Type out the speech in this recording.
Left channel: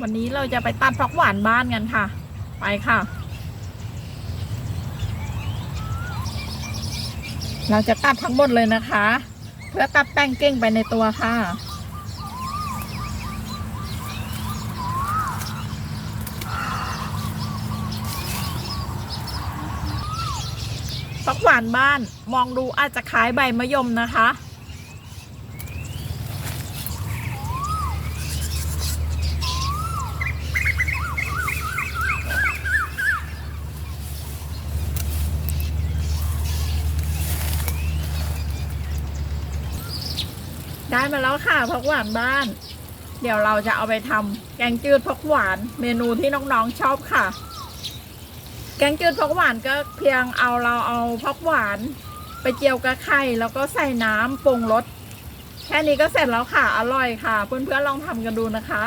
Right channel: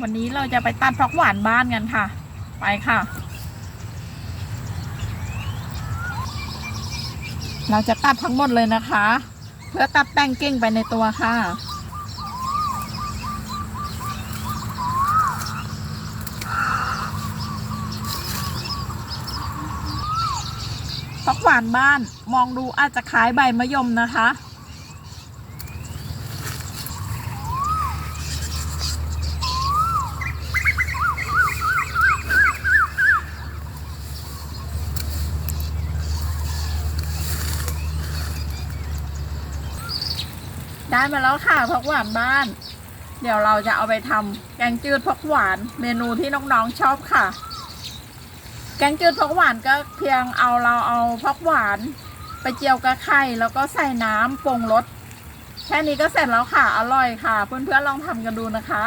วันนี้เราจะไปตัดผักหวานบ้านกันค่ะ ไปค่ะ เราจะตัดทั้งหมดเลยนะคะ เพื่อตัดแป้งเก้งไปในตัวค่ะผักหวานบ้านมองดูอาจจะคล้ายใบมะยมนะคะ ได้มาแล้วค่ะผักหวานบ้าน เดี๋ยวเราจะเอาไปทำแกงจืดผักหวาน เมนูที่น้องๆชอบค่ะ แกงจืดผักหวานก็เพียงเอาเราเอาผักหวาน ไปเจียวกระไข่แล้วก็ใส่น้ำปรุงรสแค่นี้ก็เสร็จแล้วค่ะ อร่อยค่ะ เพื่อนๆลองทำกันดูนะคะ